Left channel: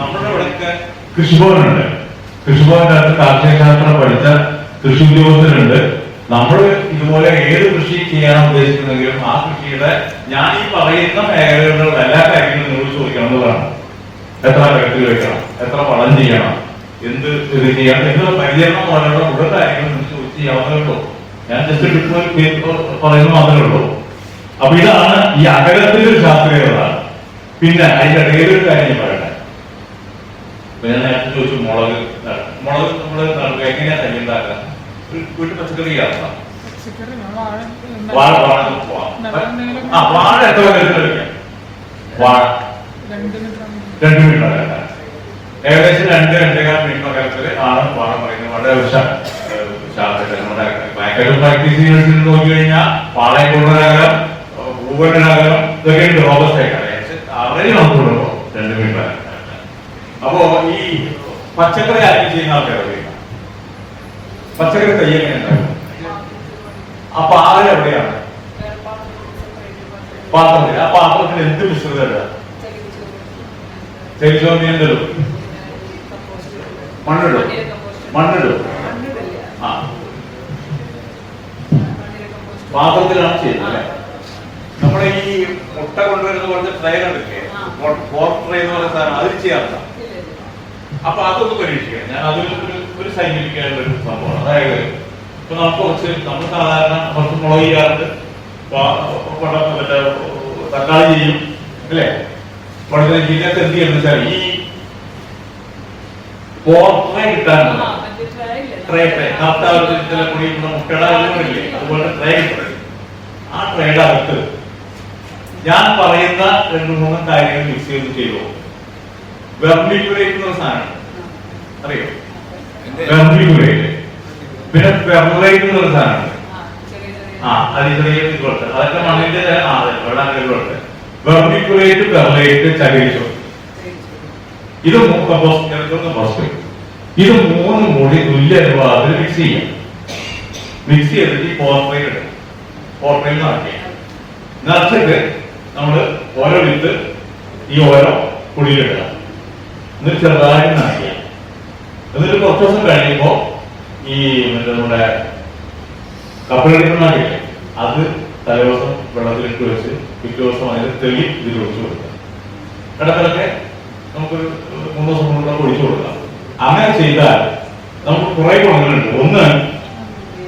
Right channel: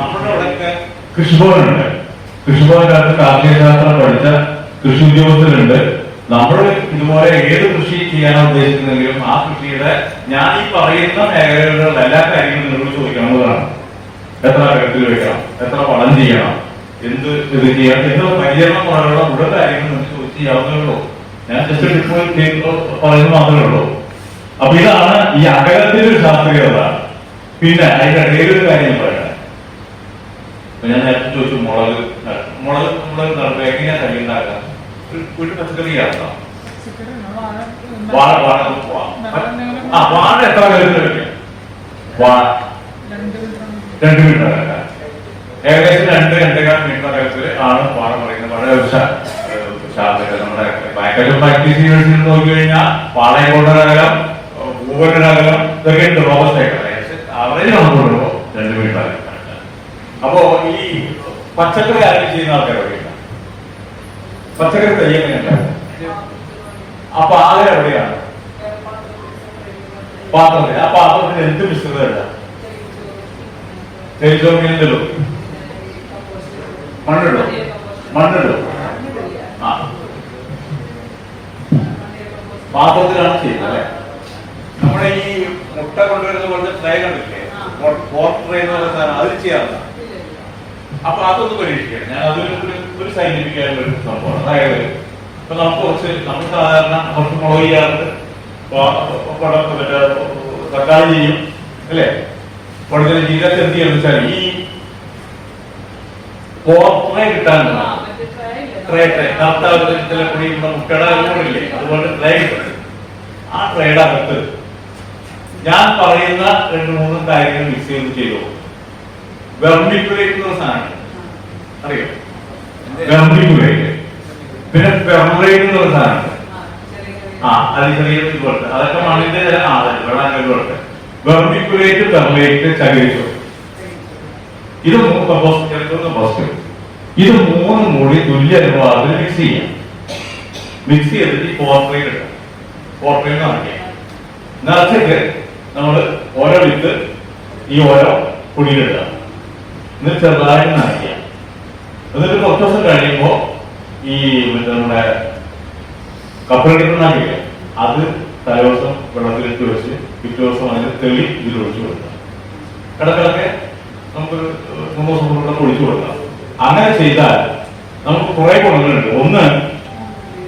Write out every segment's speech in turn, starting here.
നമ്മുടെ ഇവിടെയൊക്കെ കൃഷിഭവനുണ്ട്. കൃഷിഭവന്റെ അകത്ത് കാർഷിക ശാസ്ത്രം പഠിച്ച കൃഷി ഉദ്യോഗസ്ഥരുണ്ട് നമ്മൾ ഇതുപോലെ ഏത് കൃഷി ചെയ്യാനാണ് ഉദ്ദേശിക്കുന്നെങ്കിലും ആ കൃഷിയുടെ ഞാൻ ഈ പറയുന്ന മേഖലകളിലുള്ള എല്ലാ കാര്യങ്ങളും നിങ്ങൾ ചോദിക്കണമെന്നതാണ് എത്ര വ്യക്തി വെക്കണം? എത്ര വളം ചെയ്യണം? എന്ത് ഇത് ചെയ്യണം എന്ത് പരിചരണം പോലെയുള്ള മുഴുവൻ കാര്യങ്ങൾ നിങ്ങൾ ചോദിച്ച് ചെയ്യാവുന്നതേ ഉള്ളൂ. ഞാൻ ജസ്റ്റ് ഡിപ്പോ പറയുന്നത് മാത്രമേ ഉള്ളൂ. അപ്പൊ ഇതാണ് ഈ അകലത്തിന്റെ ഒരു ശാസ്ത്രീയത. പിന്നെ അതിന്റെ ഇടയിൽ ഒരു കാര്യം ഇപ്പൊ ഞാൻ നേരത്തെ ചോദിച്ചു മുളക് മുളക് നമ്മൾ എങ്ങനെയാ തൈ ഉണ്ടാക്കുക വീട്ടിൽ പച്ചക്കറി ആക്കാം വാഴ വാഴ. ആ വാഴ എത്ര കഴിക്കാം? വാഴ. രണ്ട് മിനിറ്റ് മീറ്റർ അകലം ഏകദേശം രണ്ട് രണ്ടേകാൽ മീറ്റർ അകലത്തിൽ ആണ് വാഴ പറയുന്നത് വളരെ നമ്മുടെ ബാങ്ക് പ്രാക്ടീസ് യൂണിവേഴ്സിറ്റി നോക്കി കഴിഞ്ഞാൽ വാഴയെ കൊണ്ടൊരു അകലം അകലം ഇതൊക്കെ ഉണ്ട്. റോബസ്റ്റ് ആയിട്ട് അവറേജ് നമുക്കുള്ളൂ രണ്ട് മീറ്റർ അകലം. അപ്പോ ഈ പച്ചക്കറി ആരെങ്കിലും ചെയ്യുന്ന ആൾക്കാരെ അറിയില്ല പച്ചക്കറി തൈ അപ്പൊ ആകെ എവിടെയാണ്? പാത്രത്തിൽ. ആ പാത്രത്തിൽ എന്ത് മിശ്രിതം ഇടുക? തേജോമി എന്തിടും മണ്ണിടും മണ്ണിടും ആ. പാത്രത്തിലാണ് ചെയ്യുന്നത് അല്ലെ? നമ്മുടെ ഈ മുട്ട കൊണ്ടുവരുന്ന പോലത്തെ ട്രേ കണ്ടില്ലേ? ട്രൈ ട്രേ എന്ന് പറയുന്ന സാധനം. അതിൽ ചെയ്യാറില്ല അപ്പൊ അതൊന്ന് പരീക്ഷിക്കാം ഞാൻ അതൊരു ഒരു ഒരു സൈന്റിഫിക് ആയിട്ടുള്ള ഒരു സംഭവമാണ്. അതായത് ഇപ്പൊ നമുക്ക് കുറച്ച് നമ്മൾ സാധാരണ കുറച്ച് മുളക് ചെയ്യാറുണ്ട്. മറ്റേ തക്കാളി ചെയ്യും അല്ലേ? ഉടനെ ഇതിനൊക്കെ എന്ത് ചെയ്യാന്ന് വെച്ചാൽ ഈ പോർട്രേ കിട്ടാനുണ്ട് ട്രേ ട്രേ കറുത്ത ഒരു ചില പൊടി ഇവിടെ മുട്ടയുടെ ഇല്ലേ അതുപോലെ ട്രേ കിട്ടും ആ ട്രേയുടെ അകത്ത് ഞാൻ പറയുന്ന രണ്ട് മൂന്ന് കാര്യങ്ങൾ മിക്സ് ചെയ്ത് ചെയ്തു വെർമിക്കുലേറ്റ് എന്ന സാധനം. അറിയോ? വെർമിക്കുലേറ്റ് പിന്നെ എന്ന് പറഞ്ഞ സാധനം. ആ അത് ചെറിയ ഇതുപോലത്തെ. അതൊക്കെ മണ്ണിന്റെ ആ വെള്ളം ഇതുപോലത്തെ. വെർമിക്കുലേറ്റ് പെർലൈറ്റ് ചകിരിച്ചോ. ഇത് കമ്പോസ്റ്റ് ഇത് മൂന്ന് കൂടി തുല്യ അനുപാതത്തിൽ മിക്സ് ചെയ്യാം. മിക്സ് ചെയ്തിട്ട് പോർട്രയിൽ ഇടുക പോർട്രയിൽ നിറയ്ക്കുക നിറച്ചിട്ട് നമ്മൾ ഓരോ വിത്ത് ഈ ഓരോ കുടിയിലിടുക എന്നിട്ട് ചെറുതായിട്ട് നനയ്ക്കുക എന്നിട്ട് കുറച്ച് ദിവസം കഴിയുമ്പോൾ ഈ നമ്മുടെ കപ്പലെടുക്കുന്നാക്കില്ലേ അത് തലേദിവസം വെള്ളത്തിലിട്ട് വെച്ച് പിറ്റേ ദിവസം അതിന് തെളി ഇതിൽ ഒഴിച്ചു കൊടുക്കുക. ഇടക്കിടക്ക് നമുക്കൊരു മൂന്ന് ദിവസം കൊണ്ട് ഒഴിച്ചു കൊടുക്കാം. അങ്ങനെ ചെയ്താൽ നമുക്ക് കുറെ ഗുണങ്ങളുണ്ട്. ഒന്ന്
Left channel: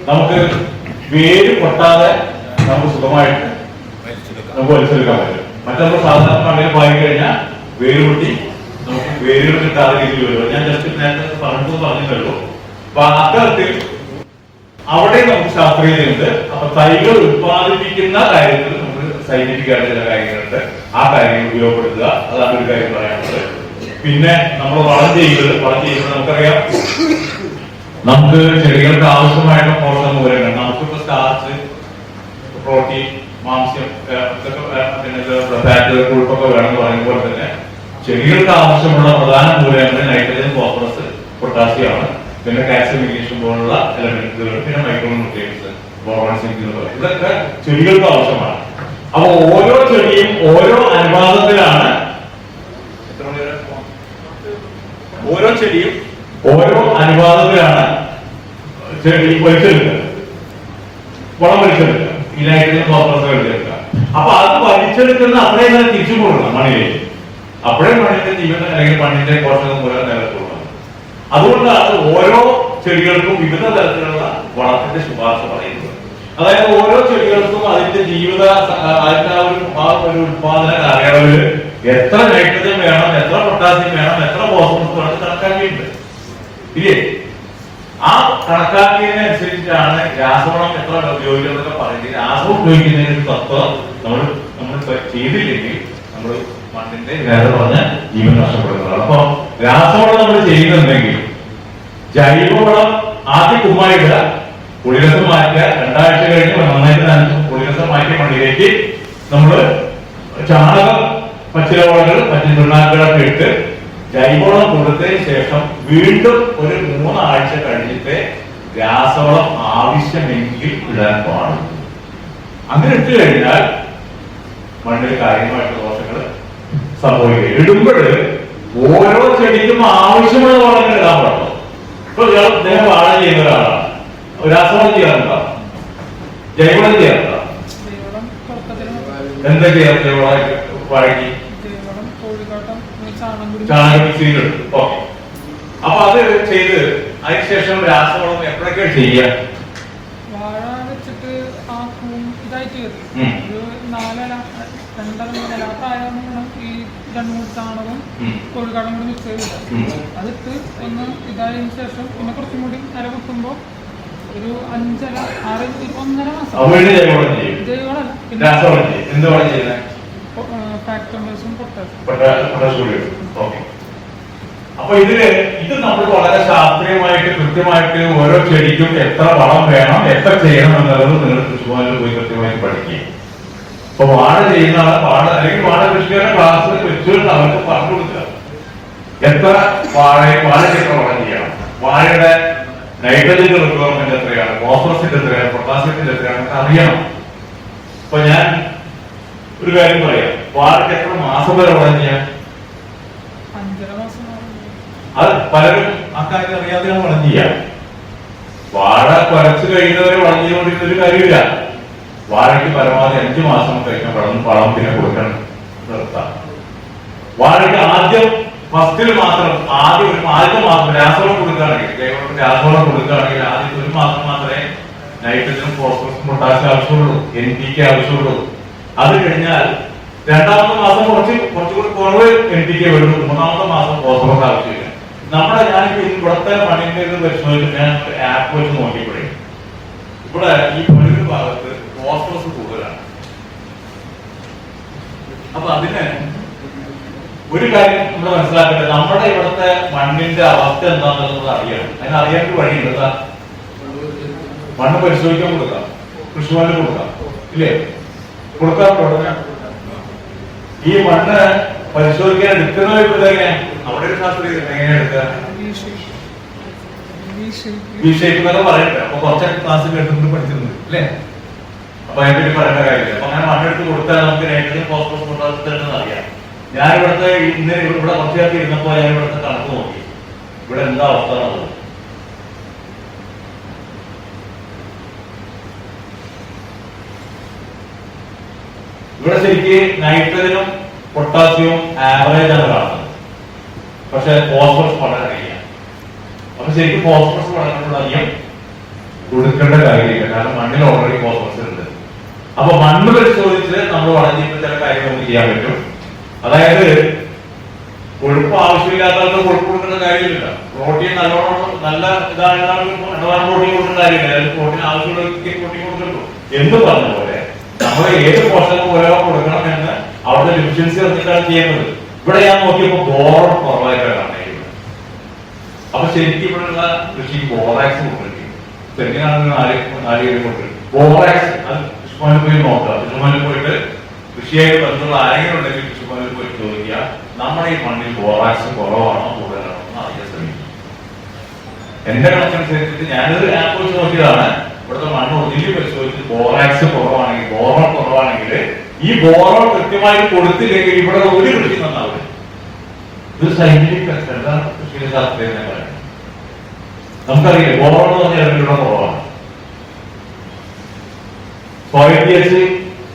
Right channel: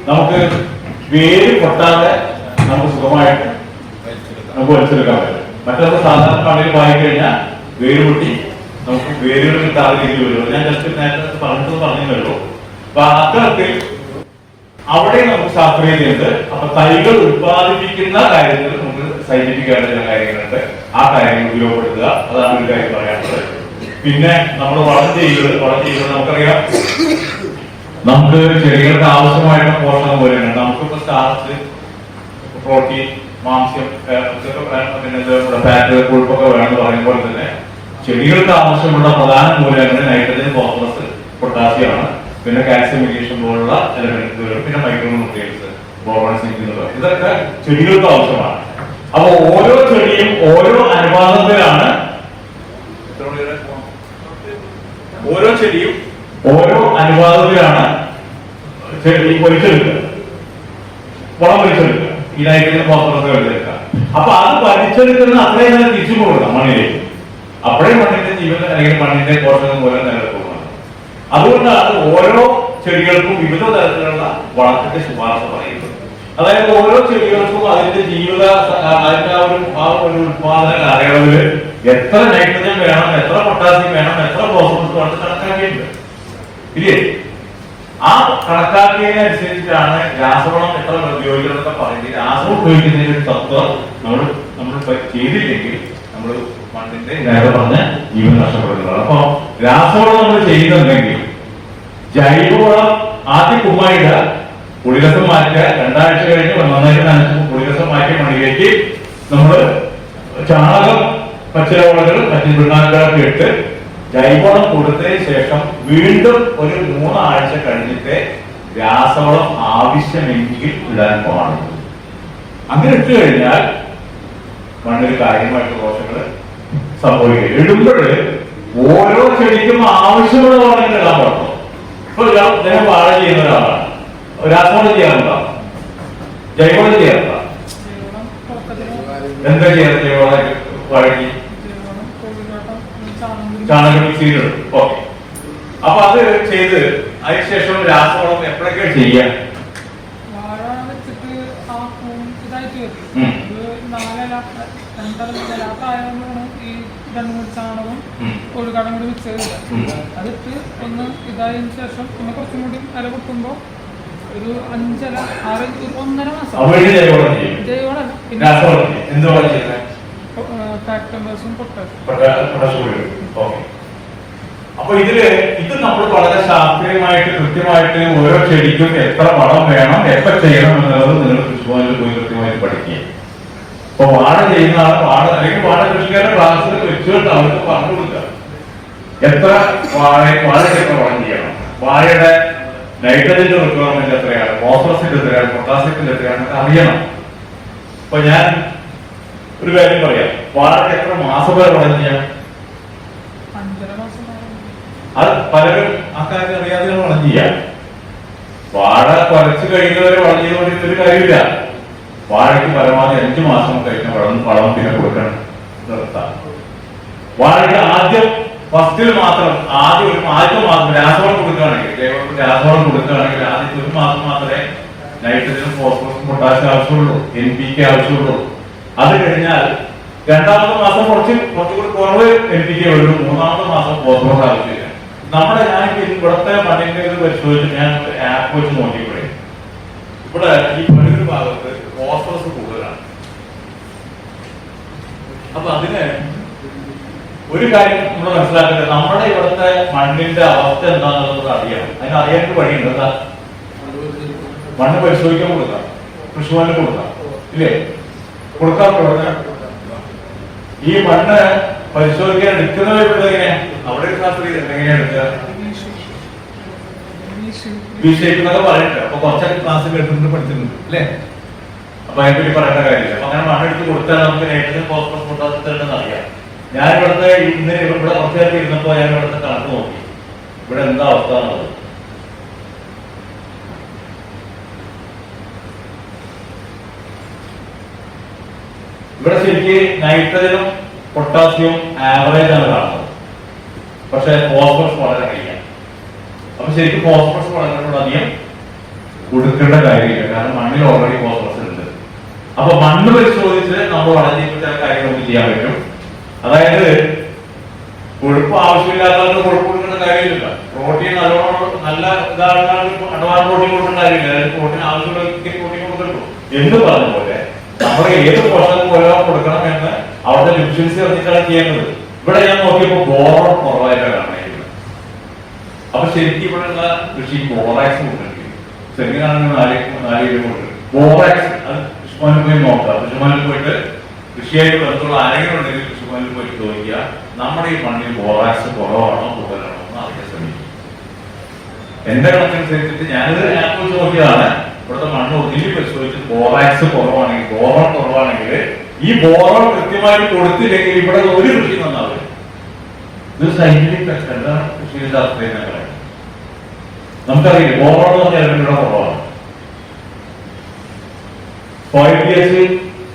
നമുക്ക് വേര് പൊട്ടാതെ നമുക്ക് സുഖമായിട്ട് നമുക്ക് വലിച്ചെടുക്കാൻ പറ്റും. മറ്റൊരു സാധാരണ വായി കഴിഞ്ഞാൽ വേര് പൊട്ടി നമുക്ക് പേരുകൾ കിട്ടാതെ ഞാൻ ജസ്റ്റ് നേരത്തെ പറഞ്ഞത് പറഞ്ഞതേ ഉള്ളൂ അപ്പൊ അത്തരത്തിൽ അവിടെ നമുക്ക് ശാസ്ത്രീയതയുണ്ട് അപ്പൊ തൈകൾ ഉത്പാദിപ്പിക്കുന്ന കാര്യത്തിൽ നമുക്ക് സൈന്റിഫിക് ആയിട്ട് ചില കാര്യങ്ങളുണ്ട്. ആ കാര്യങ്ങൾ ഉപയോഗപ്പെടുത്തുക. അതാണ് ഒരു കാര്യം പറയാനുള്ളത്. പിന്നെ നമ്മൾ വളം ചെയ്യുന്നത് വളം ചെയ്യുന്നത് നമുക്കറിയാം. നമുക്ക് ചെടികൾക്ക് ആവശ്യമായിട്ടുള്ള പോഷണം പോലെയാണ് നമുക്കിപ്പോ സ്റ്റാർച്ച് പ്രോട്ടീൻ മാംസ്യം ഫാറ്റ് കൊഴുപ്പൊക്കെ വേണമെന്ന് പറയുന്ന പോലെ തന്നെ ചെടികൾക്ക് ആവശ്യമുള്ള പ്രധാന മൂലകങ്ങൾ നൈട്രജൻ ഫോസ്ഫറസ് പൊട്ടാസ്യമാണ് പിന്നെ കാൽസ്യം മെഗ്നീഷ്യം പോലുള്ള എലമെന്റുകൾ പിന്നെ മൈക്രോ ന്യൂട്രിയൻസ് ഇതൊക്കെ ചെടികൾക്ക് ആവശ്യമാണ്. അപ്പൊ ഓരോ ചെടിയും ഓരോ അനുപാതത്തിലാണ് ഓരോ ചെടിയും ഓരോ അനുപാതത്തിലാണ് ചെടി വലിച്ചെടുക്കുക. വളം വലിച്ചെടുക്കുക. ഈ നൈട്രജൻ ഫോസ്ഫറസ് വലിച്ചെടുക്കുക. അപ്പൊ അത് വലിച്ചെടുക്കുന്ന അത്രയും തന്നെ തിരിച്ചു കൊടുക്കണം മണ്ണിലേക്ക്. അപ്പോഴേ മണ്ണിന്റെ ജീവൻ അല്ലെങ്കിൽ മണ്ണിന്റെ പോഷകം മൂലം നിലനിൽക്കുന്നുണ്ട്. അതുകൊണ്ടാണ് ഓരോ ചെടികൾക്കും വിവിധ തരത്തിലുള്ള വളത്തിന്റെ ശുപാർശ പറയുന്നത്. അതായത് ഓരോ ചെടികൾക്കും അതിന്റെ ജീവിത അതിന്റെ ഒരു ആ ഒരു ഉത്പാദന കാലയളവിൽ എത്ര നൈട്രജൻ വേണം എത്ര പൊട്ടാസ്യം വേണം എത്ര ഫോസ്ഫറസ് വേണം കണക്കാക്കിയിട്ടുണ്ട്. ഇല്ലേ? ആ കണക്കാക്കിയതിനനുസരിച്ചിട്ടാണ് രാസവളം എത്ര ഉപയോഗിക്കണം എന്നൊക്കെ പറയുന്നത്. രാസവളം ഉപയോഗിക്കുന്നതിന്റെ തത്വം നമ്മൾ നമ്മൾ ചെയ്തില്ലെങ്കിൽ നമ്മൾ മണ്ണിന്റെ ഇതായത് വന്ന് ജീവൻ നഷ്ടപ്പെടുന്നത് അപ്പൊ രാസവളം നമ്മൾ ചെയ്യുന്നുണ്ടെങ്കിൽ ജൈവവളം ആദ്യം കുമ്മായിടുക പുളിരസം മാറ്റുക രണ്ടാഴ്ച കഴിഞ്ഞ് നന്നായിട്ട് കുളിരസം മാറ്റി മണ്ണിലേക്ക് നമ്മൾ ചാണകം പച്ചിലവളകൾ മറ്റു പിണ്ണാക്കുകളൊക്കെ ഇട്ട് ജൈവവളം കൊടുത്തതിന് ശേഷം വീണ്ടും ഒരു മൂന്നാഴ്ച കഴിഞ്ഞിട്ട് രാസവളം ആവശ്യമെങ്കിൽ ഇടാൻ പാടുള്ളൂ. അങ്ങനെ ഇട്ട് കഴിഞ്ഞാൽ മണ്ണിൽ കാര്യമായിട്ടുള്ള ദോഷങ്ങൾ സംഭവിക്കുക ഇടുമ്പോൾ ഓരോ ചെടിക്കും ആവശ്യമുള്ള വളങ്ങൾ ഇടാൻ പാടുള്ളൂ ഇപ്പൊ അദ്ദേഹം വാഴ ചെയ്യുന്ന ഒരാളാണ്. രാസവളം ചെയ്യാറുണ്ടോ? ജൈവളം ചെയ്യാറുണ്ടോ? എന്താ ചെയ്യാറ് വാഴയ്ക്ക് ചാണകം. ചെയ്തിട്ടുണ്ട് ഓക്കെ അപ്പൊ അത് ചെയ്ത് അതിനുശേഷം രാസവളം എപ്പോഴൊക്കെ ചെയ്യാം? വാഴ വെച്ചിട്ട് ആ പൂം ഇതായിട്ട് വരും ഉം. ഒരു നാലില രണ്ടര നിലാത്തായതുകൊണ്ട് വേണം ഈ രണ്ട് മൂന്ന് ചാണകം ഉം. കോഴിക്കാട്ടം കൂടി മിക്സ് ചെയ്തിട്ട്. അതിട്ട് ഒന്ന് ഇതായതിനു ശേഷം പിന്നെ കുറച്ചും കൂടി അര പൊട്ടുമ്പോൾ ഒരു അഞ്ചര ആറ് ഒന്നര മാസം. ജൈവളല്ല പിന്നെ ഫാക്ടംബേഴ്സും പൊട്ടാഷും അപ്പൊ ഇതിൽ ഇത് നമ്മൾ വളരെ ശാസ്ത്രീയമായിട്ട് കൃത്യമായിട്ട് ഓരോ ചെടിക്കും എത്ര വളം വേണം എപ്പോ ചെയ്യണം എന്നുള്ളത് നിങ്ങൾ കൃഷിഭവനിൽ പോയി കൃത്യമായി പഠിക്കുക. അപ്പൊ വാഴ ചെയ്യുന്ന ആൾ വാഴ അല്ലെങ്കിൽ വാഴ കൃഷിക്കാരുടെ ക്ലാസ്സിൽ വെച്ചുകൊണ്ട് അവർക്ക് പറഞ്ഞു കൊടുക്കുക. എത്ര വാഴയും വാഴയ്ക്ക് എത്ര വളം ചെയ്യണം വാഴയുടെ നൈട്രജന്റെ റിക്വയർമെന്റ് എത്രയാണ്? ഫോസ്ഫറസിന്റെ എത്രയാണ്? പൊട്ടാസ്യത്തിന്റെ എത്രയാണ്? അറിയണം. അപ്പൊ ഞാൻ ഒരു കാര്യം പറയാം. വാഴയ്ക്ക് എത്ര മാസം വരെ വളം ചെയ്യാം? അത് പലരും അക്കാര്യം കാര്യം അറിയാതെയാണ് വളം ചെയ്യാം. വാഴ കുറച്ച് കഴിയുന്നവരെ വളം ചെയ്തുകൊണ്ടിരുന്ന ഒരു കാര്യമില്ല. വാഴയ്ക്ക് പരമാവധി അഞ്ചു മാസം കഴിഞ്ഞ വളം വളം പിന്നെ കൊടുക്കണം നിർത്താം. വാഴയ്ക്ക് ആദ്യം ഫസ്റ്റിൽ മാത്രം ആദ്യം ഒരു ആദ്യത്തെ മാസം രാസവളം കൊടുക്കുകയാണെങ്കിൽ ജൈവത്തിന് രാസവളം കൊടുക്കുകയാണെങ്കിൽ ആദ്യത്തെ ഒരു മാസം മാത്രമേ നൈട്രജനും ഫോസ്ഫറസും പൊട്ടാസ്യം ആവശ്യമുള്ളൂ എൻ പി കെ ആവശ്യമുള്ളൂ. അത് കഴിഞ്ഞാൽ രണ്ടാമത്തെ മാസം കുറച്ച് കുറച്ചുകൂടി കുറവ് എൻ പി കെ വരുള്ളൂ മൂന്നാമത്തെ മാസം ഫോസ്ഫറസ് ആവശ്യമില്ല. നമ്മുടെ ഞാനിപ്പോ ഇവിടുത്തെ മണ്ണിന്റെ ഇത് പരിശോധിച്ച് ഞാൻ ആപ്പ് വെച്ച് നോക്കിക്കൊടുക്കും ഇവിടെ ഈ പഴുത് ഭാഗത്ത് ഫോസ്ഫറസ് കൂടുതലാണ്. അപ്പൊ അതിന് ഒരു കാര്യം നമ്മൾ മനസ്സിലാക്കേണ്ടത് നമ്മുടെ ഇവിടുത്തെ മണ്ണിന്റെ അവസ്ഥ എന്താണെന്നുള്ളത് നമ്മൾ അറിയണം. അതിന് അറിയാൻ ഒരു വഴിയുണ്ട്. എന്താ? മണ്ണ് പരിശോധിക്കാൻ കൊടുക്കാം. കൃഷിഭവനിൽ കൊടുക്കാം. ഇല്ലേ? കൊടുക്കാം ഉടനെ ഈ മണ്ണ് പരിശോധിക്കാൻ എടുക്കുന്ന എങ്ങനെ അവിടെ ഒരു ശാസ്ത്രീയ എങ്ങനെയാണ് എടുക്കുക? പറയുന്നുണ്ട് അപ്പൊ കുറച്ചൊക്കെ ക്ലാസ് കേട്ടിട്ടുണ്ട് പഠിച്ചിട്ടുണ്ട് അല്ലേ? അപ്പൊ അതിനെ പറ്റി പറയേണ്ട കാര്യമില്ല അങ്ങനെ മണ്ണെടുത്ത് കൊടുത്താൽ നമുക്ക് ഏകദേശം അറിയാം. ഞാൻ ഇവിടുത്തെ ഇന്ന് ഇവിടെ കുറച്ചുകാർക്ക് ഇരുന്നപ്പോ ഞാൻ ഇവിടുത്തെ കണക്ക് നോക്കി. ഇവിടെ എന്താ അവസ്ഥ എന്നുള്ളത്. ഇവിടെ ശരിക്ക് നൈട്രജനും പൊട്ടാസ്യവും ആവറേജ് ആണ് കാണുന്നത്. പക്ഷെ ഫോസ്ഫറസ് വളരെ കഴിയാം അപ്പൊ ശരിക്കും ഫോസ്ഫറസ് വളരെ അധികം കൊടുക്കേണ്ട കാര്യമില്ല. കാരണം മണ്ണിൽ ഓൾറെഡി ഫോസ്ഫറസ് ഉണ്ട്. അപ്പൊ മണ്ണ് പരിശോധിച്ച് നമ്മൾ വളരെ ചില കാര്യങ്ങൾ ചെയ്യാൻ പറ്റും. അതായത് കൊഴുപ്പ് ആവശ്യമില്ലാത്തവർക്ക് കൊഴുപ്പ് കൊടുക്കേണ്ട കാര്യമില്ല. പ്രോട്ടീൻ നല്ലോണം നല്ല ഇതാണെന്നാണ് അഡ്വാൻസ് പ്രോട്ടീൻ കൊടുക്കേണ്ട കാര്യമില്ല. അതായത് പ്രോട്ടീൻ ആവശ്യമുള്ളവർക്ക് പ്രോട്ടീൻ കൊടുക്കുള്ളൂ എന്ന് പറഞ്ഞ പോലെ നമ്മൾ ഏത് പോഷകം പോലെ കൊടുക്കണം എന്ന് അവരുടെ ഡിഫിഷ്യൻസി അറിഞ്ഞിട്ടാണ് ചെയ്യുന്നത്. ഇവിടെ ഞാൻ നോക്കിയപ്പോൾ ബോറം കുറവായിട്ടാണ് കാണുന്നത്. അപ്പൊ ശരിക്കും ഇവിടെയുള്ള കൃഷി ബോറാക്സ് കൊടുത്തിട്ടുണ്ട്. ശരിക്കും നാല് നാല് കിലോ ബോറാക്സ് അത് കൃഷിഭവനിൽ പോയി നോക്കാം. കൃഷിഭവനിൽ പോയിട്ട് കൃഷിയായിട്ട് ബന്ധമുള്ള ആരെങ്കിലും ഉണ്ടെങ്കിൽ കൃഷിഭവനിൽ പോയി ചോദിക്കുക. നമ്മുടെ ഈ മണ്ണിൽ ബോറാക്സ് കുറവാണോ കൂടുതലാണോ എന്ന് അറിയാൻ ശ്രമിക്കും എന്റെ കണക്കനുസരിച്ചിട്ട് ഞാനിത് ആപ്പ് വെച്ച് നോക്കിയതാണ്. ഇവിടുത്തെ മണ്ണ് ഒതുങ്ങി പരിശോധിച്ചിട്ട് ബോറാക്സ് കുറവാണെങ്കിൽ ബോറോൺ കുറവാണെങ്കിൽ ഈ ബോറോൺ കൃത്യമായി കൊടുത്തില്ലെങ്കിൽ ഇവിടെ ഒരു കൃഷി നന്നാവില്ല. ഇത് സൈന്റിഫിക് എന്താണ് കൃഷി ശാസ്ത്രീയ നമുക്കറിയില്ല ബോറോൺ എന്ന് പറഞ്ഞാൽ ഇവിടെ കുറവാണ്.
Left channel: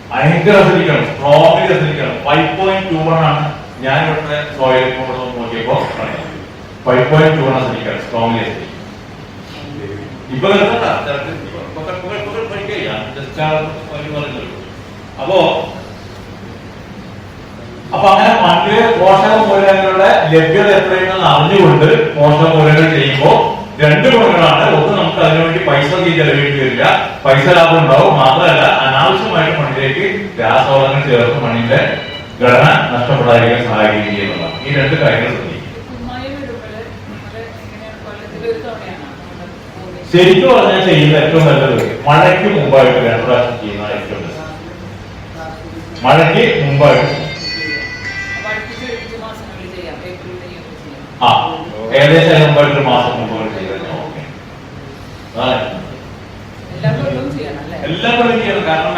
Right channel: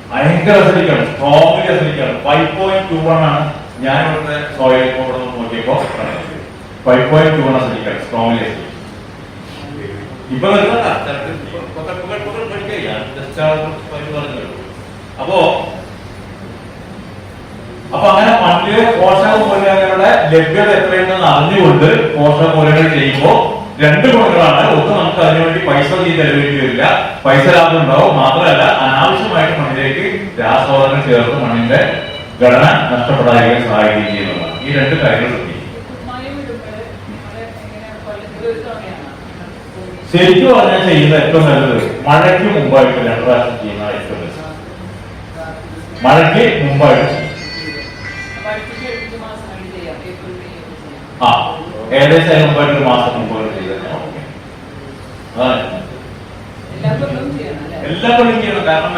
ഭയങ്കര അസനിക്കാണ് സ്ട്രോങ്ലി അസനിക്കാണ് ഫൈവ് പോയിന്റ് ടു വൺ ആണ് ഞാൻ ഇവിടുത്തെ സോയിൽ നോക്കിയപ്പോൾ നോക്കിയപ്പോ ഫൈവ് പോയിന്റ് ടു വൺ അസനിക്കാണ് സ്ട്രോങ്ലി അസനിക്കും ഇപ്പൊ അപ്പോ അപ്പൊ അങ്ങനെ മണ്ണിലെ പോഷക മൂലകങ്ങളുടെ ലഭ്യത എത്രയുണ്ടെന്ന് അറിഞ്ഞുകൊണ്ട് പോഷക മൂലകങ്ങൾ ചെയ്യുമ്പോൾ രണ്ട് ഗുണങ്ങളാണ് ഒന്ന് നമുക്ക് അതിനുവേണ്ടി പൈസ നീ ചെലവേണ്ടി വരില്ല. പൈസ ലാഭം ഉണ്ടാവും. മാത്രമല്ല അനാവശ്യമായിട്ട് മണ്ണിലേക്ക് രാസവളങ്ങൾ ചേർത്ത് മണ്ണിന്റെ ഘടന നഷ്ടപ്പെടാതിരിക്കാൻ സഹായിക്കുകയും ഈ രണ്ട് കാര്യങ്ങൾ ശ്രദ്ധിക്കും ശരിക്കും പറഞ്ഞാൽ ചെയ്യുന്ന ഏറ്റവും നല്ലത് മഴയ്ക്ക് മുമ്പായിട്ട് രണ്ട് പ്രാവശ്യം ചെയ്യുന്ന ഏറ്റവും ബെസ്റ്റ്. മഴയ്ക്ക് മുമ്പായിട്ട്. ആ. ഏകദേശം അതിന് ഒരു മാസം ചെയ്ത് എല്ലാ കൊല്ലം ചെയ്യണം. കാരണം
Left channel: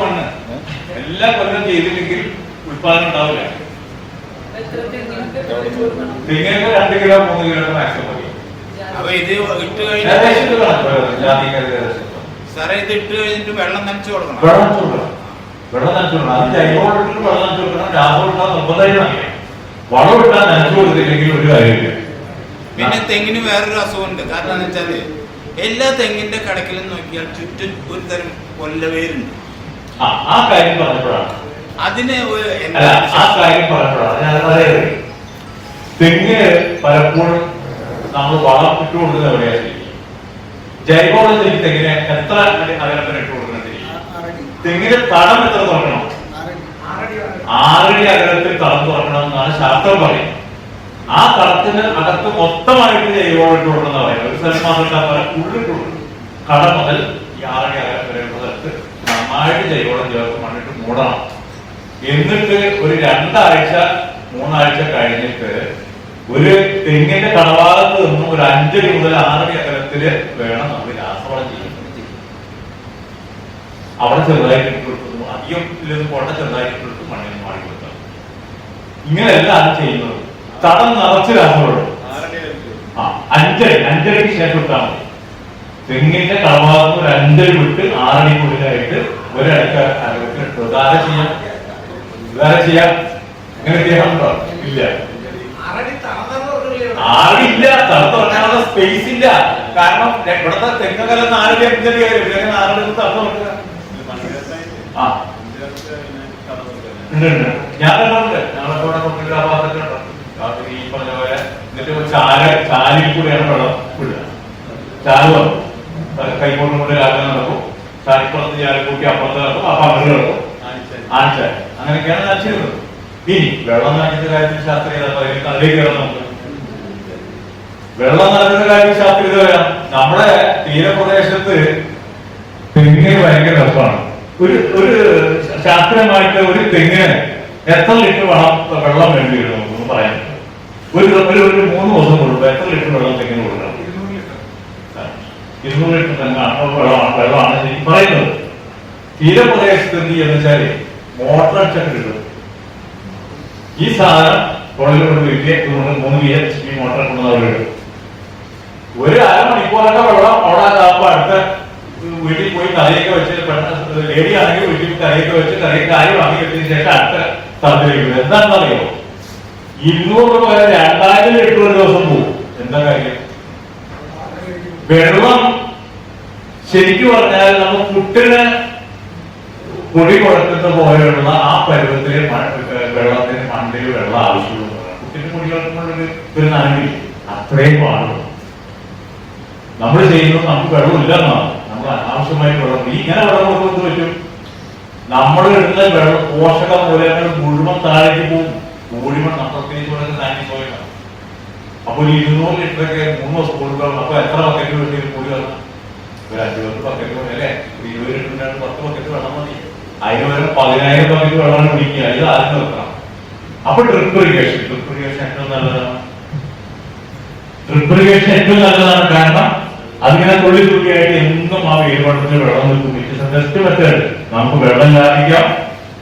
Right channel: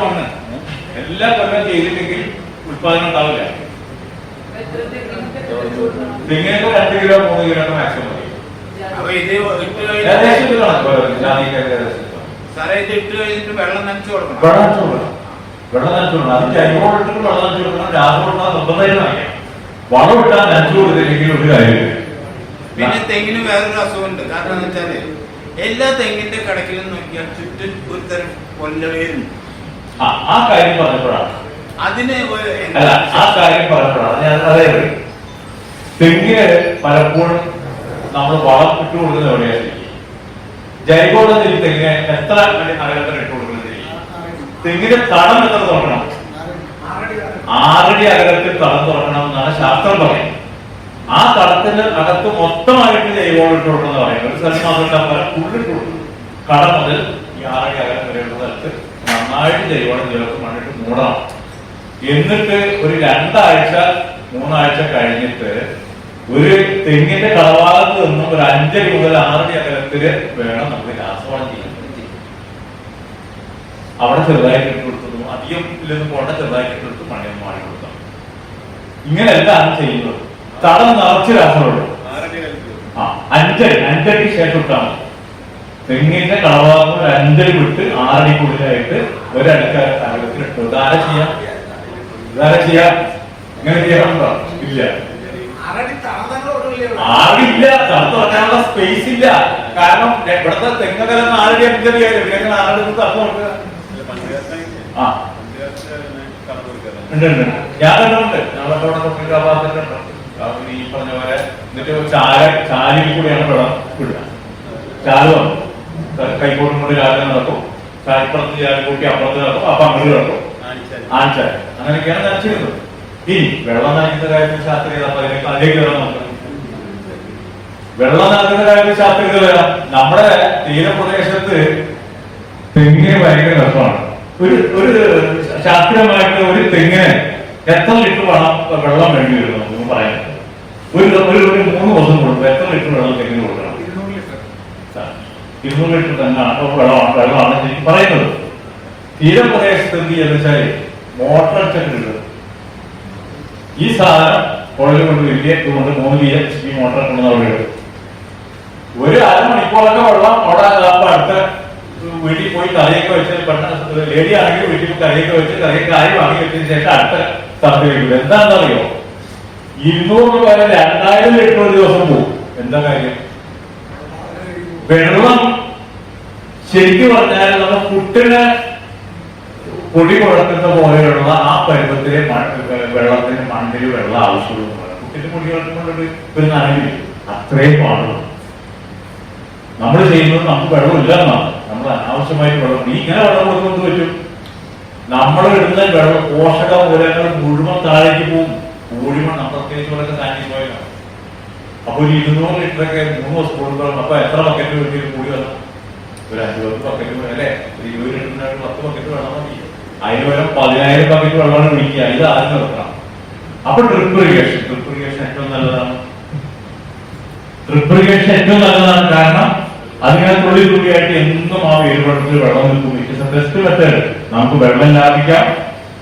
മണ്ണ് എല്ലാ കൊല്ലം ചെയ്തില്ലെങ്കിൽ ഉത്പാദനം ഉണ്ടാവില്ല. തെങ്ങിനൊക്കെ രണ്ട് കിലോ മൂന്ന് കിലോ മാക്സിമം മതി. സാറേ ഇത് ഇട്ട് കഴിഞ്ഞിട്ട് വെള്ളം നനച്ചു കൊടുക്കണം. വെള്ളം നനച്ചു കൊടുക്കണം. വെള്ളം നനച്ചു കൊടുക്കണം. അത് ജൈവവളം ഇട്ടിട്ട് വെള്ളം നനച്ചു കൊടുക്കണം. രാസവളം നിർബന്ധമായിട്ട് വളം ഇട്ടാൽ നനച്ചു കൊടുത്തില്ലെങ്കിൽ ഒരു കാര്യമില്ല. പിന്നെ തെങ്ങിന് വേറൊരു അസുഖമുണ്ട്. കാരണം എന്ന് വെച്ചാൽ എല്ലാ തെങ്ങിന്റെ കടക്കിലും നോക്കിയാൽ ചുറ്റും ഒരു തരം കൊല്ലവേരുണ്ട്. ആ ആ കാര്യം പറഞ്ഞപ്പോഴാണ്. അതിന് ആ കാര്യം പറഞ്ഞപ്പോഴാണ്. ഞാൻ അതായത് തെങ്ങിന് പലപ്പോഴും നമ്മൾ വളം ഇട്ട് കൊടുക്കുന്ന എവിടെയായിരിക്കും? ജൈവവളം തെങ്ങി തെങ്ങിന് എത്ര അകലത്തിന് ഇട്ട് കൊടുക്കണം ശരി തെങ്ങിന്റെ തടം എത്ര തുറക്കണം? ആറടി അകലത്തിൽ തടം തുറക്കണം എന്നാണ് ശാസ്ത്രം പറയുന്നത്. ആ തടത്തിന് അകത്ത് മൊത്തമായിട്ട് ജൈവവളം ഇട്ട് കൊടുക്കണം ഒരു സ്ഥലത്ത് മാത്രം ഉള്ളിട്ട് കൊടുക്കണം. കട മുതൽ ഈ ആറടി അകലം വരെയുള്ള സ്ഥലത്ത് നന്നായിട്ട് ജൈവവളം ചേർത്ത് മണ്ണിട്ട് മൂടണം. എന്നിട്ട് ഒരു രണ്ടാഴ്ച മൂന്നാഴ്ച കഴിഞ്ഞിട്ട് ഒരു തെങ്ങിന്റെ കടഭാഗത്ത് നിന്നും ഒരു അഞ്ചടി മുതൽ ആറടി അകലത്തിൽ വേണം നമ്മൾ രാസവളം ചെയ്യുന്നത് അവിടെ ചെറുതായിട്ട് ഇട്ട് കൊടുത്തതും അധികം ഇല്ലെന്ന് പോട്ടെ ചെറുതായിട്ട് ഇട്ട് കൊടുത്ത് മണ്ണിൽ മാറി കൊടുക്കാം ഇങ്ങനെയല്ല അത് ചെയ്യുന്നത് തടം നിറച്ച് ആ അഞ്ചടി അഞ്ചടിക്ക് ശേഷം ഇട്ടാൽ മതി. തെങ്ങിന്റെ കളഭാഗം ഒരു അഞ്ചടി വിട്ട് ആറടിക്കുള്ളിലായിട്ട് ഒരടിക്ക് അകലത്തിൽ ഇട്ടു. ഇതാരെ ചെയ്യാം? വേറെ ചെയ്യാം? ഇങ്ങനെ ചെയ്യാറുണ്ടോ ഇല്ല. ആറില്ല തണുത്ത് തുടങ്ങാനുള്ള സ്പേസ് ഇല്ല. കാരണം ഇവിടുത്തെ തെങ്ങകലം ആറടി അഞ്ചടി ആയാലും പിന്നെ നാലടി തണുത്ത് തുടങ്ങുക? ആ. ഉണ്ട് ഞാൻ ഭാഗത്തൊക്കെ ഉണ്ട്? അത് ഈ പറഞ്ഞ പോലെ എന്നിട്ട് ചാല ചാലിൽ കൂടിയാണ് വെള്ളം വിടുക ചാൽ വന്നു കൈക്കോട്ടും കൊണ്ട് രാവിലെ നടക്കും. ചാലിപ്പുറത്ത് ചാൽ കൂട്ടി അപ്പുറത്ത് നടക്കും. അപ്പൊ അങ്ങനെ നടക്കും ആഴ്ച അങ്ങനെയൊക്കെയാണ് നനച്ചിരുന്നത് ഇനി വെള്ളം നനയ്ക്കുന്ന കാര്യത്തിൽ ശാസ്ത്രീയത പറയുന്നത് അതിലേക്ക് വരാം നമുക്ക് വെള്ളം നനയ്ക്കുന്ന കാര്യത്തിൽ ശാസ്ത്രീയത വരാം നമ്മുടെ തീരപ്രദേശത്ത് തെങ്ങിന് ഭയങ്കര രസമാണ്. ഒരു ഒരു ശാസ്ത്രീയമായിട്ട് ഒരു തെങ്ങിന് എത്ര ലിറ്റർ വേണം വെള്ളം വേണ്ടി വരും നമുക്ക് പറയാൻ ഒരു ഒരു മൂന്ന് ദിവസം കൊടുക്കും എത്ര ലിറ്റർ വെള്ളം തെങ്ങിന് കൊടുക്കണം? ഇരുന്നൂറ് ലിറ്റർ. തെങ്ങാണ് വെള്ളമാണ് വെള്ളമാണ് ശരിക്കും പറയുന്നത്. തീരപ്രദേശത്ത് എന്ത് ചെയ്യുന്ന വെച്ചാൽ മോട്ടർ അടിച്ചിട്ട് ഈ സാധനം പുഴയിൽ കൊണ്ട് വീട്ടിൽ കൊണ്ട് മൂന്ന് ബി ഈ മോട്ടർ കൊണ്ടുവന്ന് അവിടെ ഇടും ഒരു അരമണിക്കൂറൊക്കെ വെള്ളം അവിടെ ആകുമ്പോ അടുത്ത വീട്ടിൽ പോയി കറിയൊക്കെ വെച്ച് പെട്ടെന്ന് ലേഡി ആണെങ്കിൽ വീട്ടിൽ കറിയൊക്കെ വെച്ച് കറിയൊക്കെ ആയി വാങ്ങി വെച്ചതിന് ശേഷം അടുത്ത സ്ഥലത്തേക്ക് വരും എന്താണെന്നറിയോ? ഇരുന്നൂറ് പോലെ രണ്ടായിരം ലിറ്റർ ഒരു ദിവസം പോകും എന്താ കാര്യം? വെള്ളം. ശരിക്കും പറഞ്ഞാൽ നമ്മൾ കുട്ടിനെ പൊടി കുഴക്കുന്ന പോലെയുള്ള ആ പരുവത്തിലെ വെള്ളത്തിന് മണ്ണിൽ വെള്ളം ആവശ്യമുള്ളൂ കുട്ടിന്റെ പൊടി കുഴക്കുന്നുണ്ടെങ്കിൽ ഒരു നനവില്ല അത്രയും പാടുള്ളൂ. നമ്മൾ ചെയ്യുന്നത് നമുക്ക് വെള്ളമില്ല എന്നാണ്. നമ്മൾ അനാവശ്യമായിട്ട് വെള്ളം ഈ ഇങ്ങനെ വെള്ളം കൊടുക്കുന്നത് പറ്റും? നമ്മൾ ഇടുന്ന വെള്ളം പോഷക മൂലങ്ങൾ മുഴുവൻ താഴേക്ക് പോകും. മുഴുവൻ അപ്പുറത്തേക്ക് ഇവിടെ താങ്ങി പോയതാണ് അപ്പൊ ഒരു ഇരുന്നൂറ് ലിറ്ററൊക്കെ മൂന്ന് ദിവസം കൊടുക്കണം അപ്പൊ എത്ര ബക്കറ്റ് വേണ്ടി കൂടി വെള്ളം ഒരു അഞ്ചു പത്ത് ബക്കറ്റ് അല്ലെ? ഇരുപത് ലിറ്ററിനായിട്ട് പത്ത് ബക്കറ്റ് വെള്ളം മതി അതിന് പകരം പതിനായിരം ബക്കറ്റ് വെള്ളം കുടിക്കുക ഇത് ആരും നിർത്തണം. അപ്പൊ ഡ്രിപ്പ് ഇറിഗേഷൻ ഡ്രിപ്പ് ഇറിഗേഷൻ ഏറ്റവും നല്ലതാണ്. ഡ്രിപ്പ് ഏറ്റവും നല്ലതാണ് കാരണം അതിങ്ങനെ തുള്ളി തുള്ളിയായിട്ട് എന്നും ആ വേരുവെള്ളത്തിൽ വെള്ളം നിൽക്കും. ഇറ്റ് ഇസ് ബെസ്റ്റ് മെത്തേഡ് നമുക്ക് വെള്ളം ലാഭിക്കാം.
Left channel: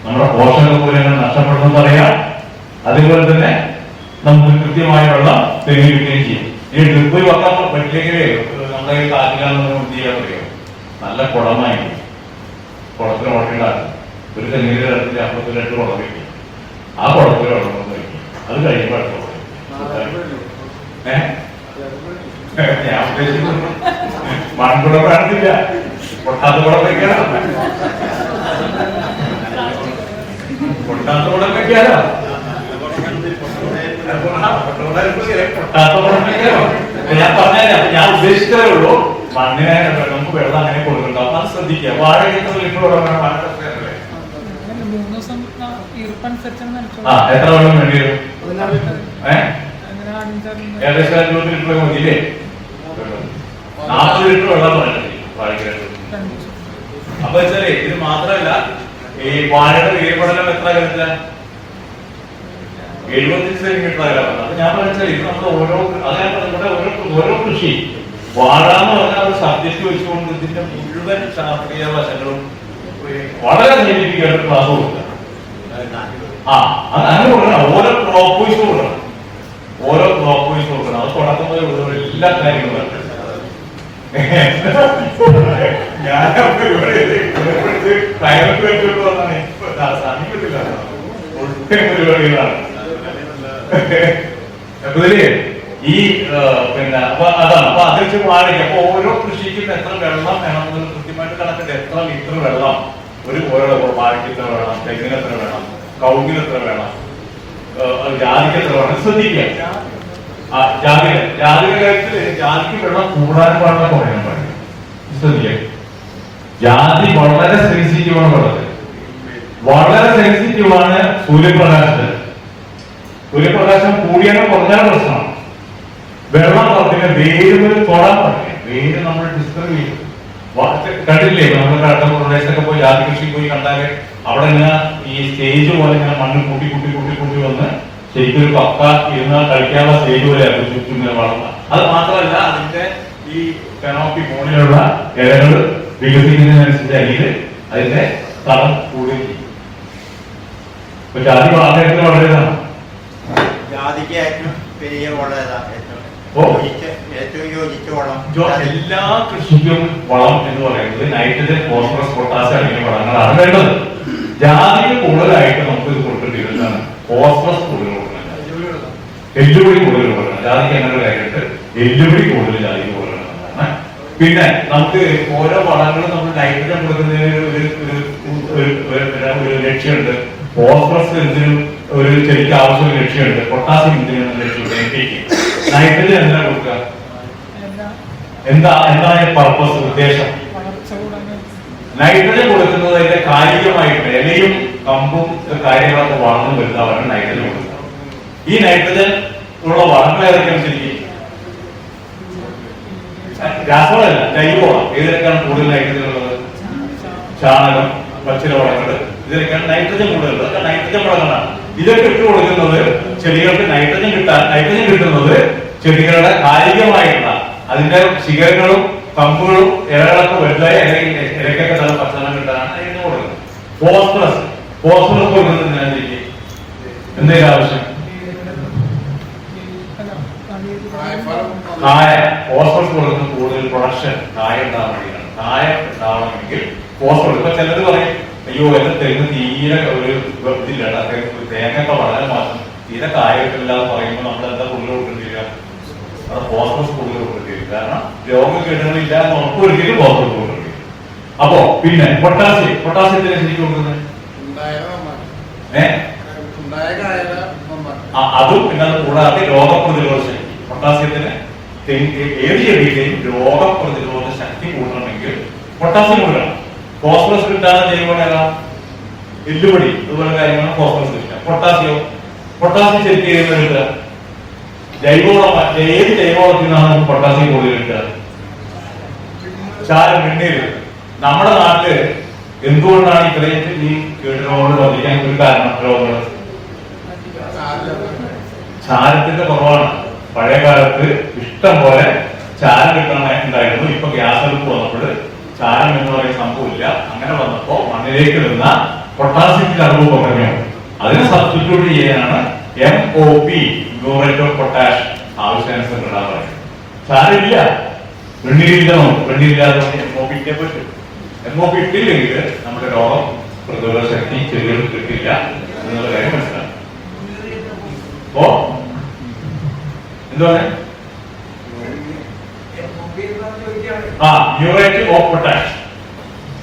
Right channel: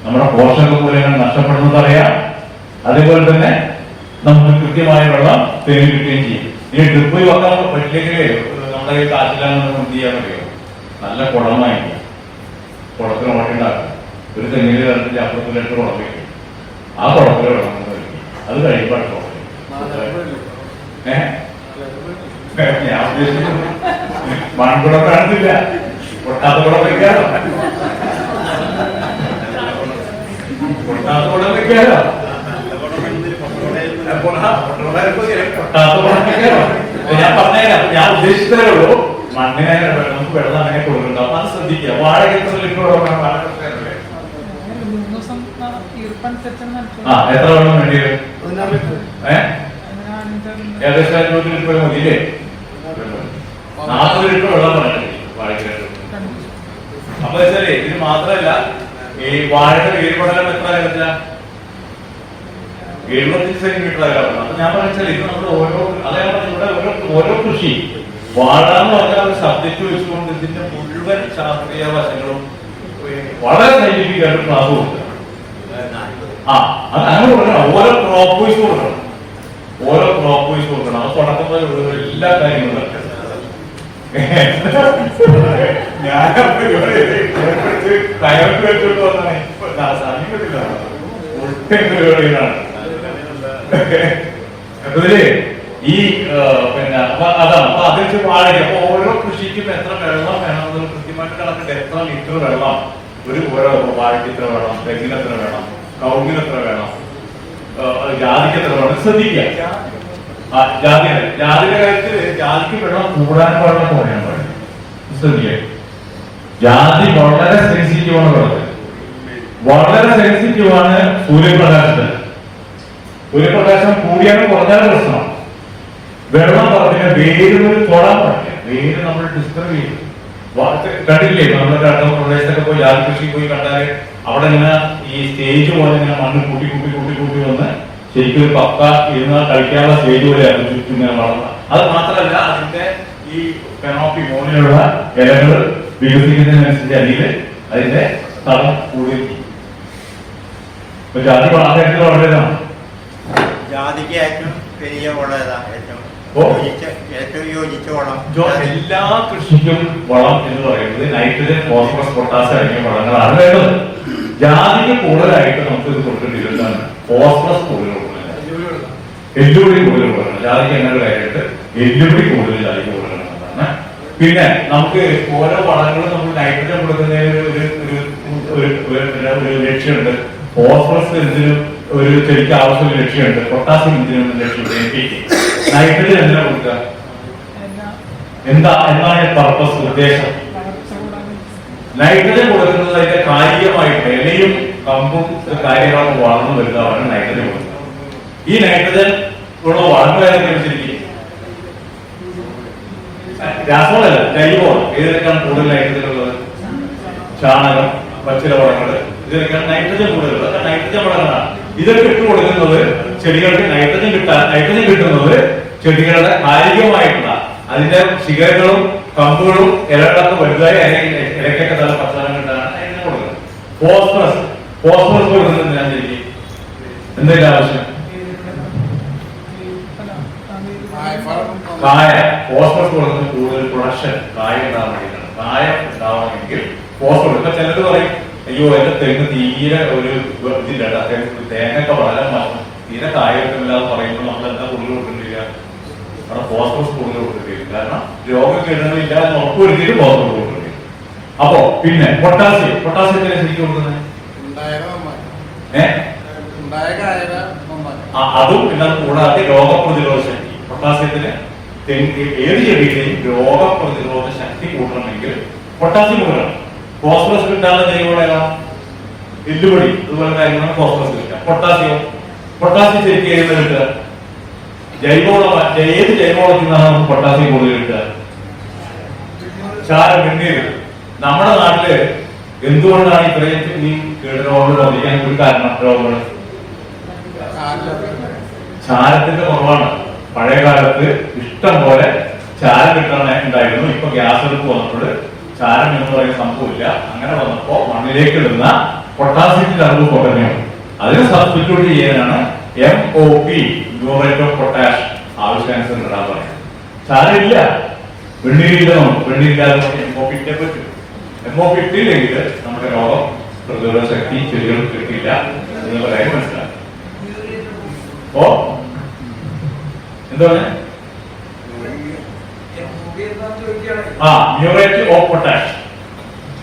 നമ്മുടെ പോഷക മൂലങ്ങൾ നഷ്ടപ്പെടുന്നത് അറിയാം. അതുപോലെ തന്നെ നമുക്ക് കൃത്യമായ വെള്ളം തെളിയിക്കുകയും ചെയ്യും. ഈ ഡ്രിപ്പ് വെക്കാൻ പറ്റില്ലെങ്കിലേ നമ്മുടെ ഈ കാറ്റിലാണെന്ന് എന്ത് ചെയ്യാൻ അറിയോ നല്ല കുടമായിരിക്കും. കുളത്തിന് ഓട്ടുണ്ടാക്കും ഒരു തെങ്ങിന്റെ കാര്യത്തിൽ അപ്പുറത്ത് രണ്ട് കുളം വയ്ക്കും ആ കുളത്തിൽ വെള്ളം കൊണ്ട് വയ്ക്കും അത് കഴിയുമ്പോൾ ഞാൻ ഉദ്ദേശിക്കുന്നത് മൺകുടം കാണത്തില്ല പൊട്ടാത്ത കുടം വയ്ക്കാറോ പൊട്ടാത്ത കുടം കുടം വെക്കാലോ ഞാൻ പറഞ്ഞുതരാം. അപ്പൊ ഞാൻ ഉദ്ദേശിച്ചതേ ഉള്ളൂ. മണ്ണിനെ നമുക്ക് വെള്ളം അങ്ങനെ കൊടുക്കുന്നുണ്ടാവും അത് ശ്രദ്ധിക്കുക. വാഴയ്ക്ക് എത്ര ലിറ്റർ വെള്ളം വാഴ ആ എത്ര വെള്ളം വേണ്ടി വരും? ഏഹ് ഏകദേശം അഞ്ഞൂറ് ലിറ്റർ മതിയില്ലേ നാൽപ്പത് ലിറ്റർ വെള്ളം പറഞ്ഞു വാഴയ്ക്ക് അപ്പൊ വെച്ചാലേ ഇതിന് മാത്രമല്ല ഈ വാഴയുടെ വേരുപടലം എത്ര കരുത്തില്ല എഴുപത്തഞ്ച് സെന്റിമീറ്റർ അകലമാണ് അപ്പൊ ഞാൻ പറഞ്ഞാൽ ഇത് നമ്മൾ ഓരോ അത് ഞാൻ പറഞ്ഞ ഇവിടെ ഓരോ ഓരോ കൃഷി. വാഴ എന്ന് പറഞ്ഞാൽ ഒരു സബ്ജക്ട് വെച്ചുകൊണ്ട് ഇതിന്റെ മുഴുവൻ ശാസ്ത്രീയ വശങ്ങളും വളരെ നെഗറ്റീവ് ആയിട്ട് ക്ലാസ് കൊടുക്കുക. ആ അത് അങ്ങനെ കൊടുക്കണം. ഓരോ ക്രോപ്പ് വൈസ് കൊടുക്കണം. ഓരോ ക്രോപ്പ് വൈസ് കൊടുക്കണം. അത് തുടക്കം മുതൽ എല്ലാ കാര്യങ്ങളും ഞാൻ കയർക്ക് വെച്ചിട്ട് വന്നാണ്. സമീപത്തില്ല ഒട്ടും പരിപാടികളാണ് അപ്പൊ ഈ പിന്നെ അതാണ്. അപ്പൊ അതിൽ വാഴയ്ക്ക് അപ്പൊ ഓരോ കൃഷിക്കും എത്ര വെള്ളം വേണം എന്നുള്ള കൃത്യമായിട്ട് കണക്കുണ്ട് എത്ര ലിറ്റർ വെള്ളം ഒരു ഓരോ വാഴയ്ക്ക് എത്ര വേണം തെങ്ങിന് എത്ര വേണം കൗങ്ങിന് എത്ര വേണം ജാതിക്ക് എത്ര വേണം ശ്രദ്ധിക്കുക. ജാതിക ജാതിക കാര്യത്തിൽ ജാതിക്ക് വെള്ളം കൂടാൻ വെള്ളം കുറയാൻ പാടില്ല. ശ്രദ്ധിക്കുക. ജാതി വളരെ സെൻസിറ്റീവ് ആണ് വളരെ സെൻസിറ്റീവ് ആണ് സൂര്യപ്രകാശത്തിന്. സൂര്യപ്രകാശം കൂടിയാണ് കുറഞ്ഞാലും പ്രശ്നമാണ്. വെള്ളം പറഞ്ഞ വേര് ഒരു കൊടാൻ പറ്റില്ല വേര് നമ്മൾ ഡിസ്റ്റർബ് ചെയ്യും. കണ്ടില്ലേ നമ്മൾ കടന്ന പ്രദേശത്തൊക്കെ പോയി ലാൽ കൃഷി പോയി കണ്ടാൽ അവിടെ ഇങ്ങനെ ഈ സ്റ്റേജ് പോലെ ഇങ്ങനെ മണ്ണ് കൂട്ടി കൂട്ടി കൂട്ടി കൂട്ടി വന്ന് ശരിക്കും ഒരു പക്ക ഇരുന്ന് കളിക്കാനുള്ള സ്റ്റേജ് പോലെ ആക്കും ചുറ്റും ഇങ്ങനെ വളർന്ന. അത് മാത്രമല്ല അതിന്റെ ഈ കനോപ്പി മോണിലുള്ള ഇലകൾ വികസിക്കുന്നതിനനുസരിച്ച് അരിയിൽ അതിന്റെ തളം കൂടുകയും ചെയ്യും. ഇപ്പൊ ജാതി വളരെ വളരെയതാണ് ജാതിക്ക് ഏറ്റവും വലിയ വളം ഏതാ? ഏറ്റവും ഓ. യോജിച്ച ഏറ്റവും യോജിച്ച വളം. എല്ലാ കൃഷിക്കും വളം എന്ന് പറയുന്നത് നൈട്രജൻ ഫോസ്ഫറസ് പൊട്ടാസ് അടങ്ങിയ വളങ്ങളാണ് വേണ്ടത്. ജാതിക്ക് കൂടുതലായിട്ട് നമുക്ക് ഇത് കൊടുക്കേണ്ടിയിരുന്നതാണ് ഫോസ്ഫറസ് കൂടുതൽ കൊടുക്കണം. എല്ലുപൊടി കൂടുതൽ കൊടുക്കണം. ജാതിക്ക് അങ്ങനെ കാര്യമായിട്ട് എല്ലുപൊടി കൂടുതൽ ജാതിക്ക് കൊടുക്കണം പിന്നെ നമുക്ക് ഓരോ വളങ്ങളും നമ്മൾ നൈട്രജൻ കൊടുക്കുന്നതിന് ഒരു- ഒരു ലക്ഷ്യമുണ്ട്. ഫോസ്ഫറസ് എന്തിനും ഒരു ചെടിക്ക് ആവശ്യമുള്ള ലക്ഷ്യമുണ്ട്. പൊട്ടാസ്യം എന്തിനും ലക്ഷ്യമുണ്ട്. നൈട്രജൻ എന്തിനാ കൊടുക്കുക? എന്താ എന്താണ് പർപ്പസ് ഉദ്ദേശം? നൈട്രജൻ കൊടുക്കുന്നത് അതിന്റെ കായികമായിട്ട് ഇലയും കമ്പും കാര്യങ്ങളൊക്കെ വളർന്നു വരുന്നതാണ് നൈട്രജൻ കൊടുക്കുന്നത്. ഈ നൈട്രജൻ ഉള്ള വളങ്ങൾ ഏതൊക്കെയാണ് ശരിക്കും? രാസവളല്ല ജൈവമാണ് ഏതൊക്കെയാണ് കൂടുതൽ നൈട്രജൻ ഉള്ളത്? ചാണകം പച്ചില വളങ്ങൾ. ഇതിനൊക്കെയാണ് നൈട്രജൻ കൂടുതലുള്ളത് അതൊക്കെ നൈട്രജൻ വളങ്ങളാണ്. ഇതൊക്കെ ഇട്ട് കൊടുക്കുന്നത് ചെടികൾക്ക് നൈട്രജൻ കിട്ടാൻ നൈട്രജൻ കിട്ടുന്നത് ചെടികളുടെ ആരോഗ്യമായിട്ടുള്ള അതിന്റെ ശിഖരങ്ങളും കമ്പുകളും ഇലകളൊക്കെ വലുതായി ഇലക്കൊക്കെ നല്ല ഭക്ഷണം കിട്ടാനാണ് അതിന് കൊടുക്കുന്നത്. ഫോസ്ഫറസ് ഫോസ്ഫറസ് കൊടുക്കുന്നത് ഞാൻ എന്തെങ്കിലും ആവശ്യം? കായ. ഫോസ്ഫറസ് കൊടുക്കുന്നത് കൂടുതൽ പ്രൊഡക്ഷൻ കായ ഉണ്ടാവാൻ വേണ്ടിയിട്ടാണ്. കായ ഉണ്ടാവണമെങ്കിൽ ഫോസ്ഫറസ് ഇപ്പൊ ചിലർ പറയും അയ്യോ എന്റെ തെങ്ങ് തീരെ ഒരു ഇതില്ല ട്ടാ, തെങ്ങ് തേങ്ങയൊക്കെ വളരെ മാറ്റം തീരെ കായ എന്ന് പറയുമ്പോൾ നമ്മൾ എന്താ കൂടുതൽ കൊടുക്കേണ്ടി വരിക അവിടെ ഫോസ്ഫറസ് കൂടുതൽ കൊടുക്കേണ്ടി വരും കാരണം രോഗകീടങ്ങളില്ല എന്ന് ഉറപ്പുവരുത്തിയിട്ട് ഫോസ്ഫറസ് കൊടുക്കേണ്ടി വരും അപ്പോ പിന്നെ പൊട്ടാസ്യം. പൊട്ടാസ്യത്തിന് ശരിക്കും കൊടുക്കുന്നത്. ഏഹ് അതും പിന്നെ അത് കൂടാതെ രോഗപ്രതിരോധ ശക്തി. പൊട്ടാസ്യത്തിന് ഏത് ചെടിയുടെയും രോഗപ്രതിരോധ ശക്തി കൂട്ടണമെങ്കിൽ പൊട്ടാസ്യം കൊടുക്കണം. ഫോസ്ഫറസ് കിട്ടാതെ ജൈവവളം എല്ലുപൊടി അതുപോലെ കാര്യങ്ങളാണ് ഫോസ്ഫറസ് കിട്ടുക. പൊട്ടാസ്യോ. പൊട്ടാസ്യം ശരിക്കും ഏത് കിട്ടുക? ജൈവവളം ഏത് ജൈവവളത്തിൽ നിന്നാണ് നമുക്ക് പൊട്ടാസ്യം കൂടുതൽ കിട്ടുക? ചാരം വെണ്ണീര്. നമ്മുടെ നാട്ടിൽ എന്തുകൊണ്ടാണ് ഇത്രയും ഈ കീടരോഗങ്ങൾ വർദ്ധിക്കാൻ ഒരു കാരണം രോഗങ്ങൾ. ചാരത്തിന്റെ കുറവാണ്. പഴയ കാലത്ത് ഇഷ്ടം പോലെ ചാരം കിട്ടണ ഉണ്ടായിരുന്നു. ഇപ്പൊ ഗ്യാസ് അടുപ്പ് വന്നപ്പോൾ ചാരം എന്ന് പറയുന്ന സംഭവമില്ല. അങ്ങനെ വന്നപ്പോ മണ്ണിലേക്ക് നിന്ന പൊട്ടാസ്യത്തിന്റെ അളവ് കുറഞ്ഞു അതിനെ സബ്സ്റ്റിറ്റ്യൂട്ട് ചെയ്യാനാണ് M O P muriate of potash ആവശ്യാനുസരണം ഇടാൻ പറയുന്നത്. ചാരമില്ല. വെണ്ണീരില്ല നമുക്ക്. വെണ്ണീരില്ലാതെ എം ഒ പി ഇട്ടേ പറ്റും. എം ഒ പി ഇട്ടില്ലെങ്കിൽ നമ്മുടെ രോഗം പ്രതിരോധ ശക്തി ചെറിയ കിട്ടില്ല എന്നുള്ള കാര്യം മനസ്സിലാക്കാം. ഓ എന്താണ് ആ muriate of potash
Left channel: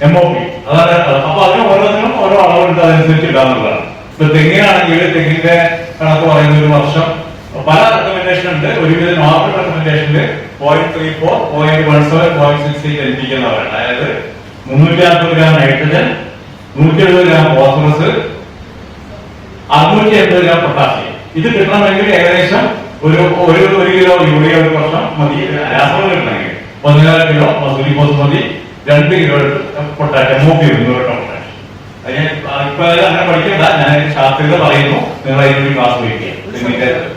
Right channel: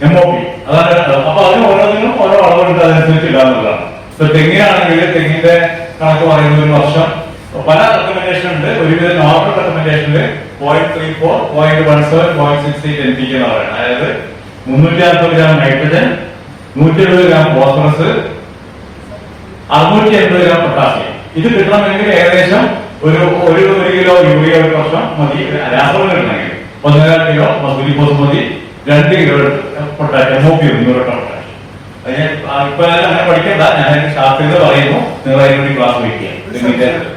M O P അതാണ് അപ്പൊ അതിന് ഓരോന്നിനും ഓരോ അളവുണ്ട്. അതനുസരിച്ച് ഇടാന്നുള്ളതാണ്. ഇപ്പൊ തെങ്ങിനാണെങ്കിൽ തെങ്ങിന്റെ കണക്ക് പറയുന്ന ഒരു വർഷം. പല റെക്കമെൻഡേഷൻ ഉണ്ട്. ഒരുവിധ normal റെക്കമെൻഡേഷനിൽ point three four point one seven point six eight P എന്ന് പറയുന്നത്. അതായത് മുന്നൂറ്റി അമ്പത് ഗ്രാം നൈട്രജൻ നൂറ്റി എഴുപത് ഗ്രാം ഫോസ്ഫറസ് അറുന്നൂറ്റി എൺപത് ഗ്രാം പൊട്ടാസ്യം ഇത് കിട്ടണമെങ്കിൽ ഏകദേശം ഒരു ഒരു ഒരു കിലോ യൂറിയ ഒരു വർഷം മതി. രാസവളം കിട്ടണമെങ്കിൽ. ഒന്നര കിലോ മസൂരി ബസ്മതി മതി. രണ്ട് കിലോ പൊട്ടാസ്യം നോക്കി ഇരുന്നൂറ് ഞാൻ ഇപ്പൊ അങ്ങനെ പഠിക്കണ്ട. ഞാൻ ശാസ്ത്രീയത പറയുന്നു നിങ്ങൾ അതിനുവേണ്ടി ക്ലാസ് വയ്ക്കുക